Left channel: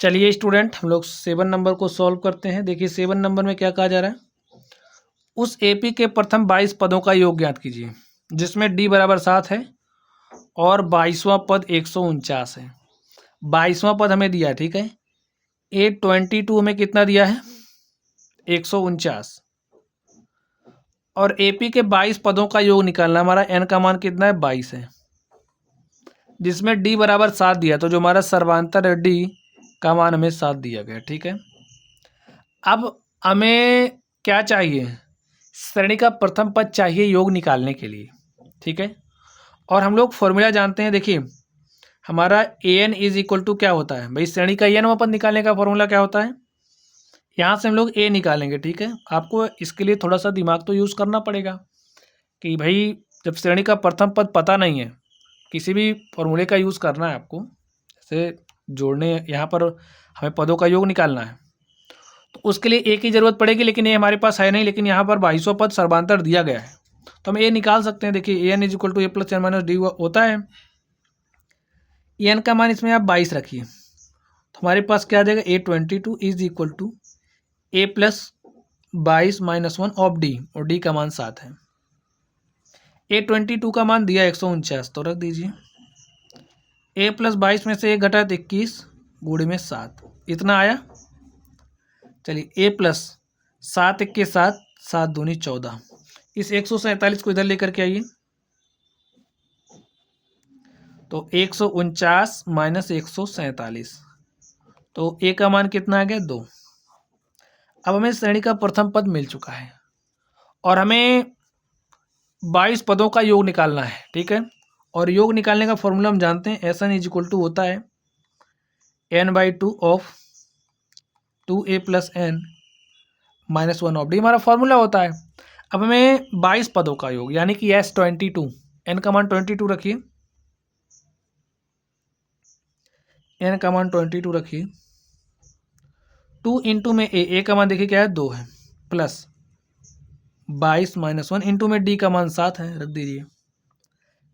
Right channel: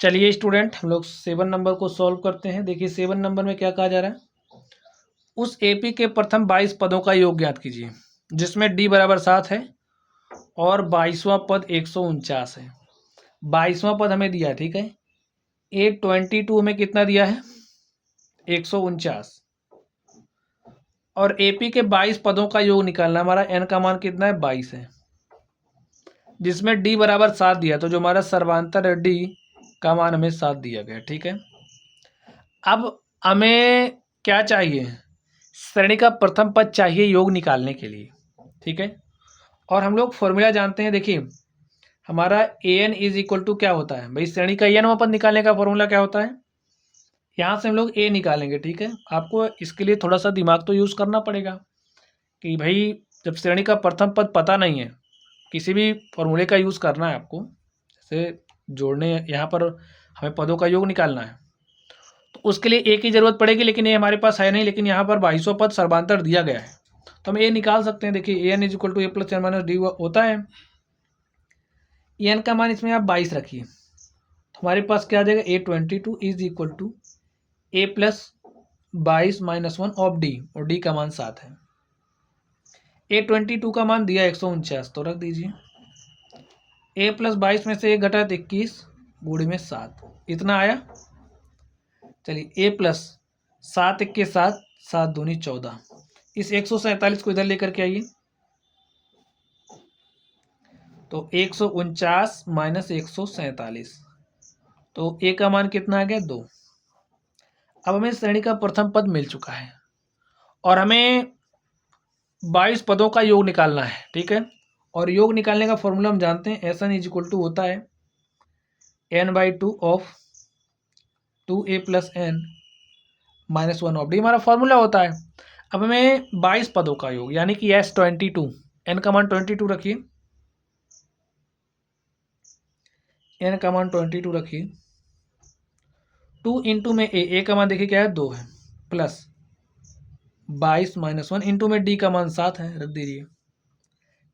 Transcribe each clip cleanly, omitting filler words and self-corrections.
चलिए स्टूडेंट, हम लोग 7 नंबर को सॉल्व करते हैं। देखिए 7 नंबर में क्या कहा जा रहा है, उस एपी के प्रथम 22 पदों का योग ज्ञात कीजिए, जिसमें डी बराबर 7 है और 22वां पद 149 है। 22वां पद हमें दिया, ठीक है। A22 में कितना दिया है, 149, और एपी के 22 पदों का योग निकालना। हमारा एन का मान कितना है, 22 है, जिसमें डी बराबर 7 दिया, तो जो हमारा सर्वांतर है डी का मान हमें 7 दिया गया, ठीक है। अब हमें क्या चाहिए, श्रेणी का प्रथम पद चाहिए योग निकालने के लिए, ठीक है। और हम लोग फॉर्मूला जानते हैं। देखिए हमारा ए एन इज इक्वल टू क्या होता है भाई, श्रेणी का एन पद निकालने का फॉर्मूला क्या होता है, यहाँ से हम लोग ए निकालेंगे, ठीक है। आपको इसके लिए थोड़ा सा दिमाग तो यूज़ करना पड़ेगा कि भाई जब श्रेणी का प्रथम पद पता नहीं है, किसी भी फॉर्मूले का यूज़ करना है आपको, जैसे जोड़ने, यहाँ पर हमें पदों का योग निकालना है, तो उसके लिए ए की ज़रूरत पड़ेगी, लेकिन ये हमारे पास है नहीं। लेकिन यहाँ पर 22वां पद सर्वांतर दिया गया है, तो हम ए निकाल सकते हैं। देखिए a n is equal to a plus n minus d होता है। एन का मान इसमें आप 22 रखिए, तो हमारे पास क्या आ जाएगा, A22 is equal to a plus 22-1 of d, और डी का मान 7 है। A22 का मान दिया 149, तो रख दीजिए। ए प्लस 22 में से 1 घटा तो 21 गुणे में 7, इतना आया। चलिए ए प्लस 7 1 के 7, 7 दूनी 14, इस 147 को इधर लेकर के आइए, तो 149 माइनस 147, तो ए का मान कितना आ गया, 2। अब हमें श्रेणी का प्रथम पद मिल चुका है और हमें 22 पदों का योग निकालना है, ठीक है। और योग निकालने का फॉर्मूला हम जानते हैं, S n is equal to होता है n/2 of 2a plus n minus 1 of d, हमारा फॉर्मूला होता है। अब हमें 22 पदों का योग यानी कि S22, एन का मान 22 रखिए, एन का मान 22 रखिए, 2 इंटू में ए का मान देखिए क्या है, 2 है, प्लस 22 माइनस 1 इंटू में डी का मान 7 है, रख दीजिए।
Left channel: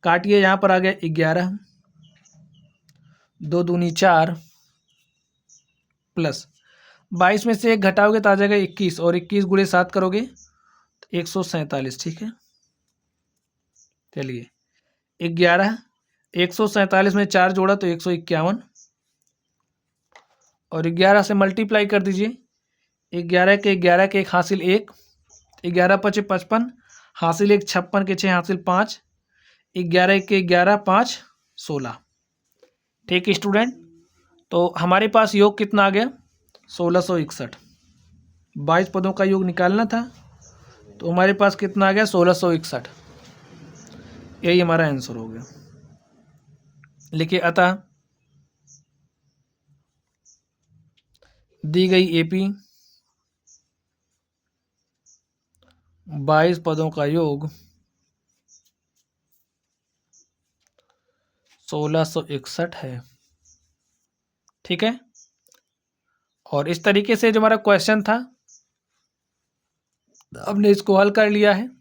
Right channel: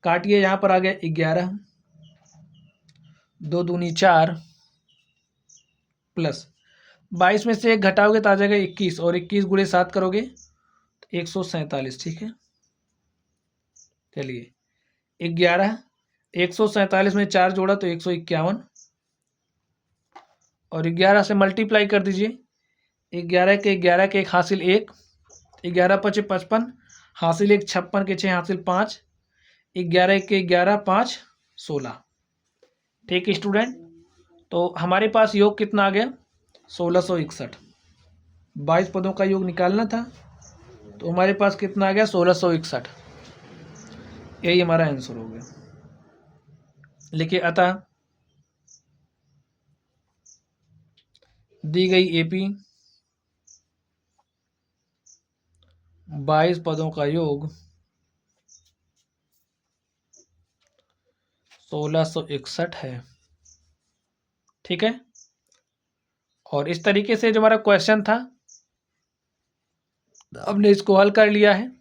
काटिए, यहाँ पर आ गया 11, 2 दूनी 4, प्लस 22 में से 1 घटाओगे तो आ जाएगा 21, और 21 गुणे 7 करोगे तो 147, ठीक है। चलिए 11, 147 में 4 जोड़ा तो 151, और 11 से मल्टीप्लाई कर दीजिए। 11 के 1 हासिल 1, 11 5 55, हासिल 1 56 के 6 हासिल 5, 11 के 11 5 16, ठीक है स्टूडेंट। तो हमारे पास योग कितना आ गया, 1661। 22 पदों का योग निकालना था, तो हमारे पास कितना आ गया, 1661। यही हमारा आंसर हो गया। लिखिए, अतः दी गई एपी 22 पदों का योग 1661 है, ठीक है। और इस तरीके से जो हमारा क्वेश्चन था, हमने इसको हल कर लिया है।